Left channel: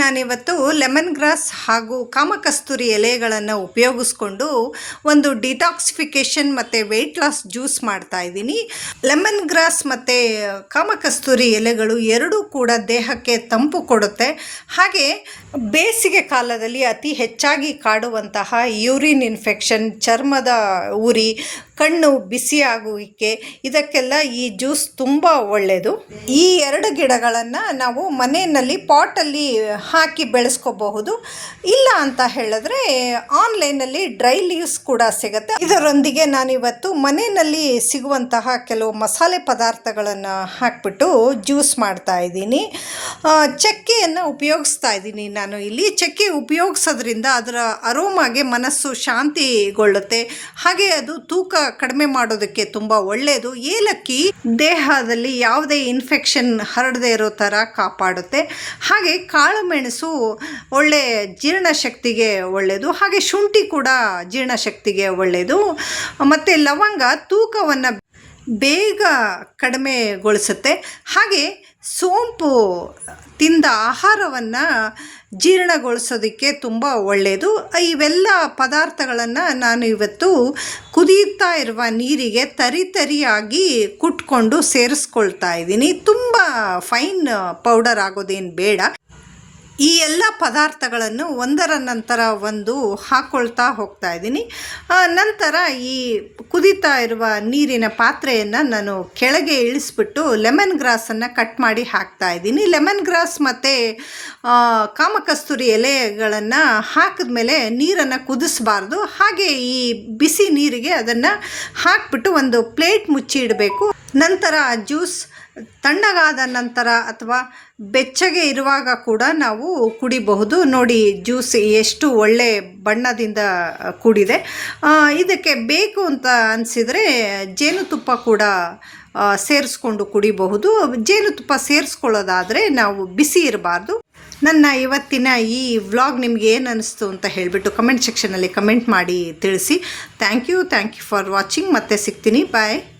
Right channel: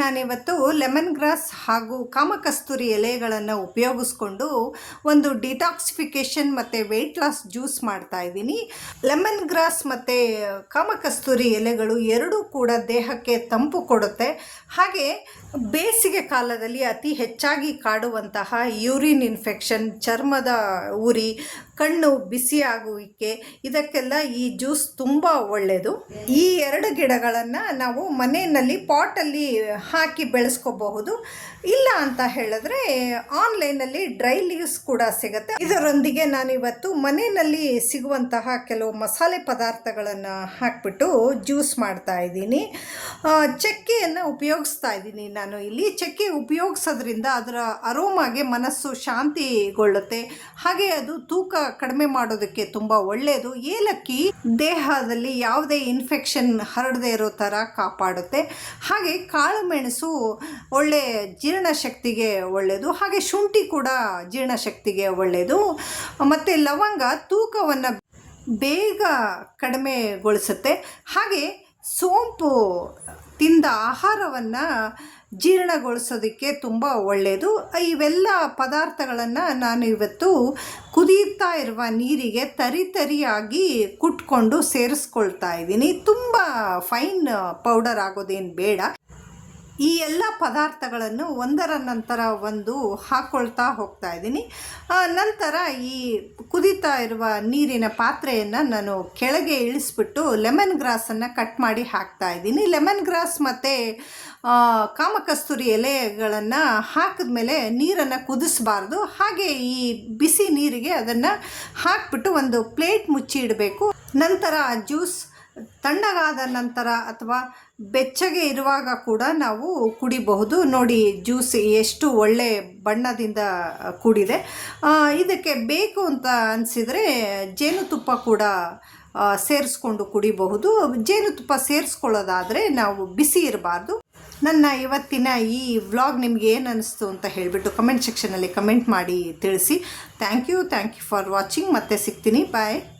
ನಾನಿವತ್ತು lemon grass ಹಾಗೂ ಕಾಮಕಸ್ತೂರಿ ಎಲೆಗಳನ್ನು ಉಪಯೋಗಿಸ್ಕೊಂಡು ಒಂದು ಡಿಟಾಕ್ಸಿಫಿಕೇಷನ್ ಮತ್ತು ವೆಯ್ಟ್ ಲಾಸ್ ಜ್ಯೂಸ್ ಮಾಡ್ತಾ ಇದ್ದೀನಿ. ಲೆಮನ್ ಗ್ರಾಸ್ ಮತ್ತು ಕಾಮಕಸ್ತೂರಿ ಎಲೆಗಳು ಎರಡೂ ಕೂಡ ದೇಹಕ್ಕೆ ತಂಪು ಕೊಡುತ್ತೆ. ಹಾಗೆ ಬೇಸಿಗೆ ಕಾಲದಲ್ಲಿ ಅತಿ ಹೆಚ್ಚಾಗಿ ಕಾಡುವಂತಹ ಯೂರಿನ್ ಇನ್ಫೆಕ್ಷನ್, ಚರ್ಮದ ಉರಿ, ಕಣ್ಣು ಬಿಸಿಯಾಗುವಿಕೆ, ಇದಕ್ಕೆಲ್ಲ ಈ ಜ್ಯೂಸ್ ತುಂಬ ಒಳ್ಳೆಯದು. ಈ ಎರಡು ಗಿಡಗಳನ್ನು ನಾವು ಮನೆಯಲ್ಲಿ ಪಾಟಲ್ಲಿ ಹಾಕಿ ಬೆಳೆಸ್ಕೋಬಹುದು. ಇಲ್ಲ ಅಂತ ಹೇಳಿದ್ರೆ ಆನ್ಲೈನಲ್ಲಿ ಡ್ರೈ ಲೀವ್ಸ್ ಕೂಡ ಸಿಗುತ್ತೆ. ಇದರೊಂದಿಗೆ ನಾನಿವತ್ತು ಮನೆಯಲ್ಲಿ ಸಿಗುವಂತಹ ಕೆಲವು ಮಸಾಲೆ ಪದಾರ್ಥಗಳನ್ನು ಹಾಕಿಬಿಟ್ಟು ಜ್ಯೂಸ್ ಮಾಡ್ತಾ ಇದ್ದೀನಿ. ಚಕ್ಕೆಯನ್ನು ಉಪಯೋಗಿಸ್ತಾ ಇದ್ದೀನಿ ನಾನು ಇಲ್ಲಿ. ಚಕ್ಕೆ ಉಪಯೋಗಿಸೋದ್ರಿಂದ ಅದರ ಅರೋಮಾಗೆ ಮನಸ್ಸು ಶಾಂತಿಗೊಳ್ಳುತ್ತೆ. ಹಾಗೆ ಅದು ತೂಕ ಕಡಿಮೆ ಮಾಡೋದಕ್ಕೆ ತುಂಬ ಒಳ್ಳೆಯದು. ಏಲಕ್ಕಿ ದೇಹದಲ್ಲಿ ಯಾವುದೇ ಇನ್ಫೆಕ್ಷನ್ ಹರಡದೇ ಇರೋ ಥರ ಕಾಪಾಡುತ್ತೆ. ಹಾಗೆ ಕಾಳು ಮೆಣಸು ಒಳ್ಳೆ ಜೀರ್ಣಶಕ್ತಿಗೆ ಒಳ್ಳೆಯದು. ಹಾಗೆ ಶುಂಠಿ ಕೂಡ ಜೀರ್ಣಶಕ್ತಿಗೆ ಒಳ್ಳೆಯದು. ಮತ್ತು ಲವಂಗ ತೂಕವನ್ನು ಬೇಗ ಕಡಿಮೆಗೊಳಿಸುತ್ತೆ. ಹಾಗೆ ಸೋಂಪು ತಿಂದ ಆಹಾರವನ್ನು ಜೀರ್ಣಗೊಳಿಸೋದಕ್ಕೆ ತುಂಬ ಒಳ್ಳೆಯದು. ಇವೆಲ್ಲ ಪದಾರ್ಥಗಳನ್ನು ನಾನು ಇವತ್ತು ಕುದಿಯುತ್ತಾ ಇರುವ ನೀರಿಗೆ ತರಿಯಾಗಿ ಕುಟ್ಕೊಂಡು ಸೇರಿಸ್ಕೊಳ್ತಾ ಇದ್ದೀನಿ. ತುಂಬ ಫೈನ್ ಪೌಡರ್ ಆಗೋದೇನು ಬೇಡ. ಈ ಎಲ್ಲ ಪದಾರ್ಥಗಳನ್ನು ಒಂದರ ನಂತರ ಒಂದು ಹಾಕ್ಕೊಳ್ತಾ ಹೋಗ್ತಾ ಇದ್ದೀನಿ. ನಂತರ ಈ ಕುದೀತಾ ಇರುವ ನೀರಿನ ಪಾತ್ರೆಯನ್ನು ನಾನು ಕೆಳಗೆ ಇಳಿಸ್ಬಿಟ್ಟು ಲೆಮನ್ ಗ್ರಾಸನ್ನು ಕಟ್ ಮಾಡಿ ಹಾಕ್ತಾ ಇದ್ದೀನಿ. ಲೆಮನ್ ಗ್ರಾಸ್ ಮತ್ತು ಕಾಮಕಸ್ತೂರಿ ಎಲೆಗಳನ್ನು ಹಾಕಿದ ಮೇಲೆ ನೀರನ್ನು ಕುದಿಸಬಾರ್ದು. ಹಾಗೆ ಈ ಬಿಸಿ ನೀರಿಗೆ ಅದನ್ನು ಹಾಕಿಬಿಟ್ಟು ಒಂದು ಪ್ಲೇಟ್ ಮುಚ್ಚಿ ಇಡಬೇಕು. ನಂತರ ಜ್ಯೂಸ್ ತಣ್ಣಗಾದ ನಂತರ ಅಥವಾ ಬೆಚ್ಚಗೆ ಇರುವಾಗ ಕೂಡ ನಾವು ಕುಡಿಬಹುದು. ನೋಡಿ, ಜ್ಯೂಸ್ ಎಷ್ಟು ಒಳ್ಳೆ ಬಣ್ಣದಿಂದ ಕೂಡಿದೆ. ಇದಕ್ಕೆ ಬೇಕು ಅಂತ ಅನಿಸಿದರೆ ಜೇನುತುಪ್ಪ ಕೂಡ ಸೇರಿಸ್ಕೊಂಡು ಕುಡಿಬಹುದು. ಜೇನುತುಪ್ಪ ಸೇರಿಸ್ಕೊಳ್ಳೋದಾದರೆ ನಾವು ಬಿಸಿ ಇರಬಾರ್ದು. ನನ್ನ ಇವತ್ತಿನ ಈ ವ್ಲಾಗ್ ನಿಮಗೆ ಏನು ಅನ್ನಿಸ್ತು ಅಂತ ಹೇಳಿಬಿಟ್ಟು ಕಮೆಂಟ್ ಸೆಕ್ಷನಲ್ಲಿ ಕಮೆಂಟ್ ಮಾಡಿ ತಿಳಿಸಿ. Thank you for watching. ಮತ್ತೆ ಸಿಗ್ತೀನಿ. ಬಾಯ್.